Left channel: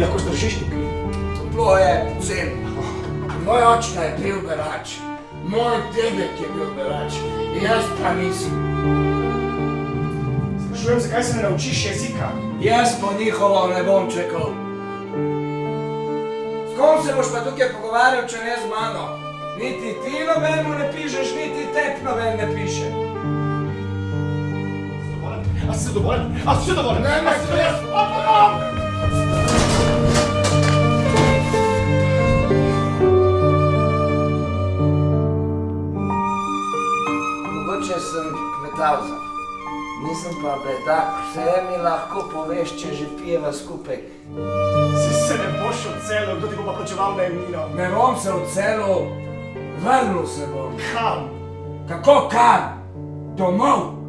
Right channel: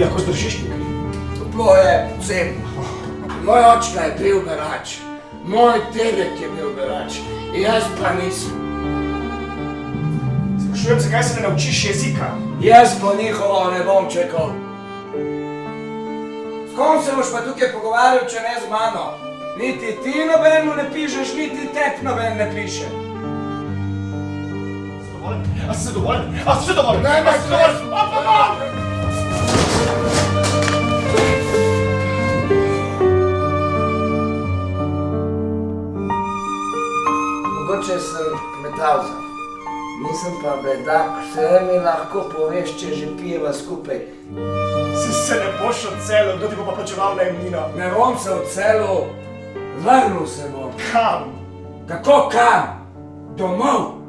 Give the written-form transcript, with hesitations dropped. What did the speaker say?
mi lahko zdržiš tukaj? Toplo je, zim. Moj očka je bil berač. Moj dedek je bil berač. Jaz pa nisem. Sprašujem, zakaj se ne naučiš jezika? Jaz po njihovo ne bom čekal. S kom se boš pa tukaj pogovarjal, če ne z mano? Niti ti nobenu ne pišeš, niti tep noben ne piše. A si zadovoljen? A si zadovoljen? Ne, A si zadovoljen? Mogoče sem kmetavza. Nisem pa bedak, vse mi lahko poveš, če že pijeva skupaj. Si se ne boš odselil, kdo ti bo pa plačeval najemnino? Ne bom se odselil, vrnil se bom. Kam? Kako kam? Domov.